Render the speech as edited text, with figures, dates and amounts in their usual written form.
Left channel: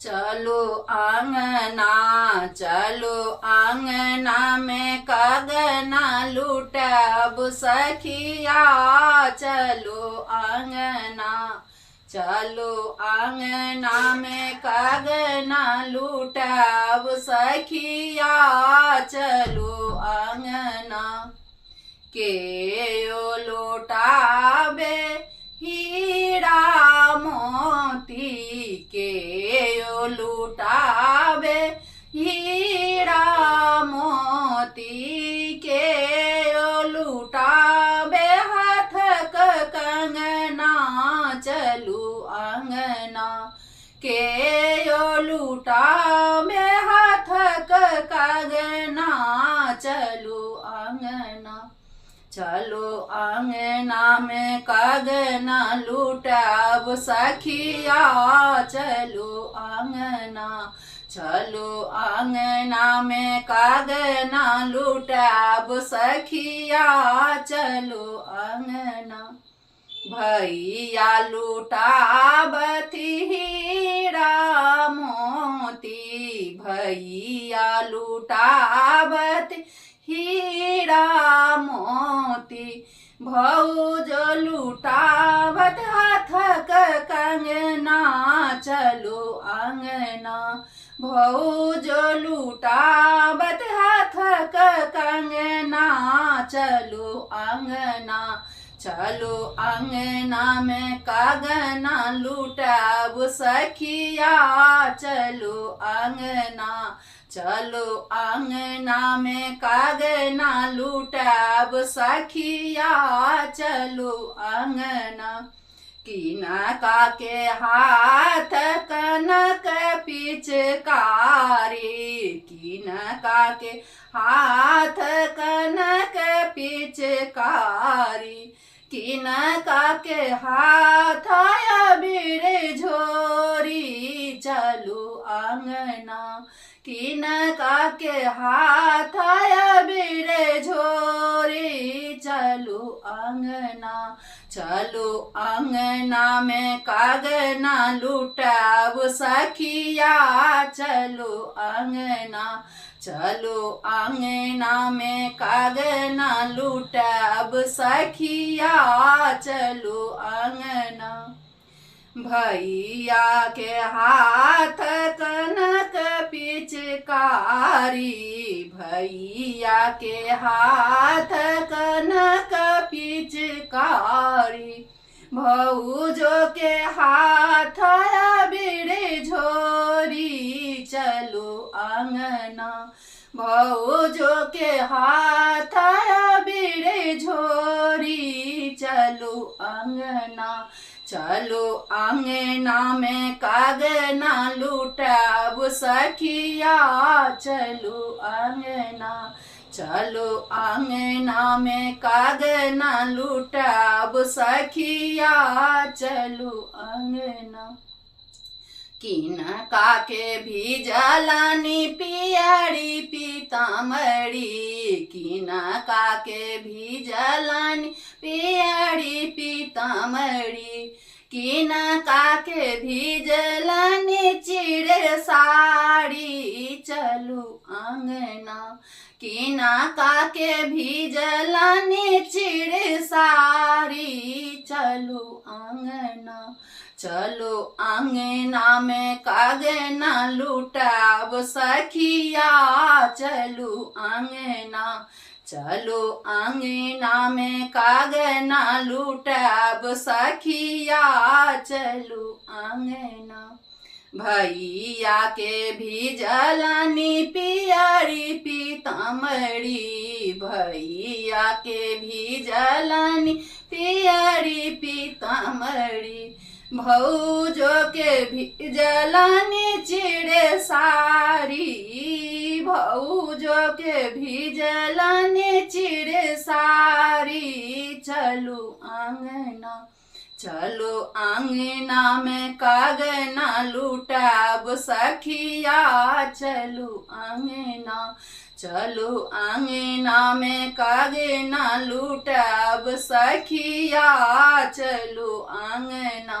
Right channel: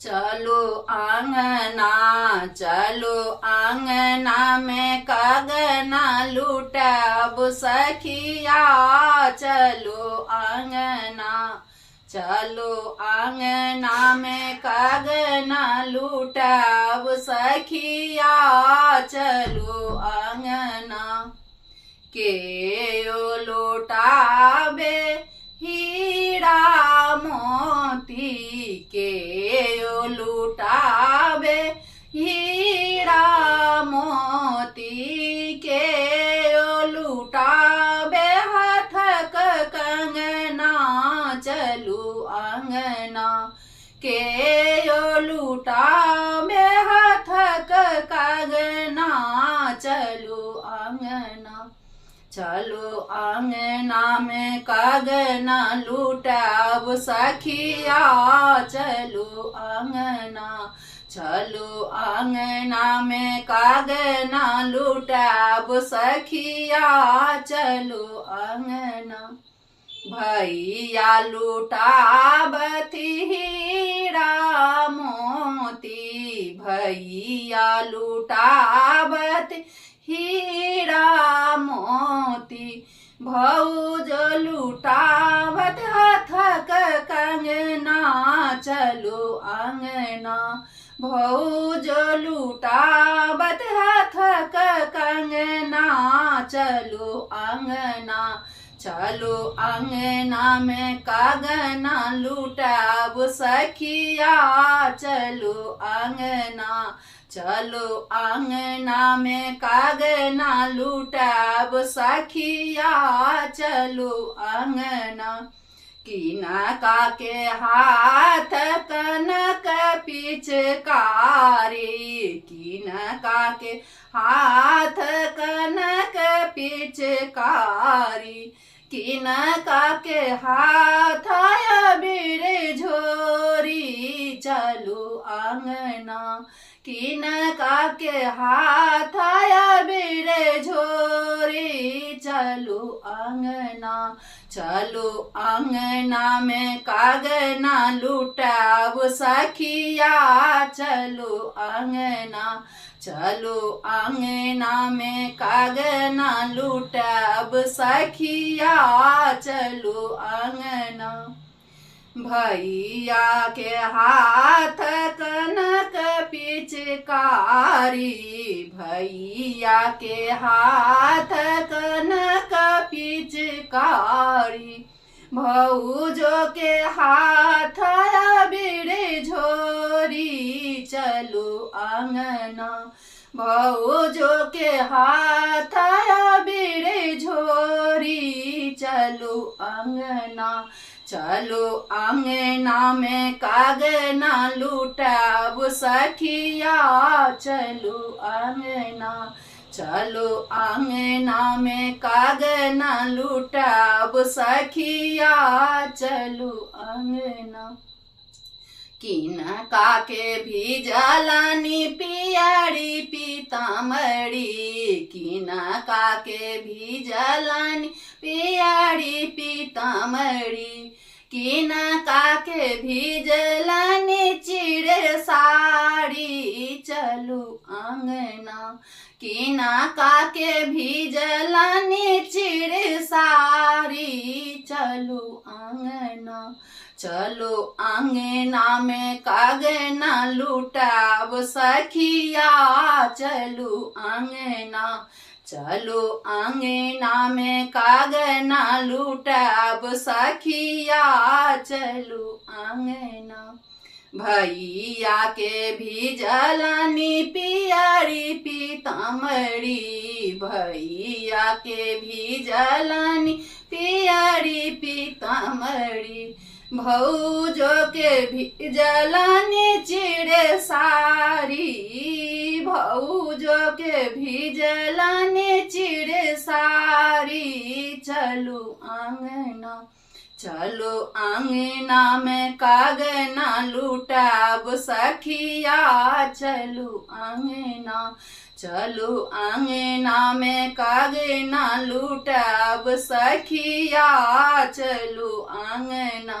चलो आंगना, चलो आंगना में कागना लूटब सखिया। चलो आंगना, चलो आंगना में कागना लूटब सखिया। चलो आंगना के ओ लौटाबे हीरा मोती, के ओ लुटाबे हीरा मोती, के ओ लुटाबे हाथक कंगना। चलू आंगना के ओ लुटाबे हाथक कंगना। चलू आंगना, चलो आंगना में कागना लूटब सखिया। चलो आंगना, चलो आंगना में कागना लूटब सखिया। चलो आंगना भैया लुटाबती हीरा मोती, भैया लुटाबती हीरा मोती। भौज लुटावत हाथक कंगना। चलो आंगना भौज लुटावत हाथक कंगना। चलो आंगना, चलो आंगना में कागना लूटब सखिया। चलो आंगना, चलो आंगना में कागना लूटब सखिया। चलो आंगना किनका के हाथ कनक पिचकारी, किनका के हाथ कनक पिचकारी। किनका के हाथ अबीर झोरी। चलो आंगना किनका के हाथ अबीर झोरी। चलो आंगना, चलो आंगना में कागना लूटब सखिया। चलो आंगना, चलो आंगना में कागना लूटब सखिया। चलो आंगना भैया के हाथ कनक पिचकारी, भैया के हाथ कनक पिचकारी। भौजो के हाथ अबीर झोरी। चलो आंगना भौजो के हाथ अबीर झोरी। चलो आंगना, चलो आंगना में कागना लूटब सखिया। चलो आंगना, चलो आंगना में कागना लूटब सखिया। चलो आंगना किनका के भिजलनी पियरी पीतामढ़ी, किनका के भिजलनी पियरी पीतामढ़ी। किनका के भिजलनी चिड़ साड़ी। चलो आंगना किनका के भिजलनी चिड़ साड़ी। चलो आंगना, चलो आंगना में कागना लूटब सखिया। चलो आंगना, चलो आंगना में कागना लूटब सखिया। चलो आंगना भैया के भिजलनी पियरी पीतामढ़ी, भैया के भिजलनी पियरी पीतामढ़ी। भौजो के भिजलनी चिड़ सारी, भौजो के भिजलनी चिड़ सारी। चलो आंगना, चलो आंगना में कागना लूटब सखिया। चलो आंगना, चलो आंगना में कागना लूटब सखिया। चलो आंगना।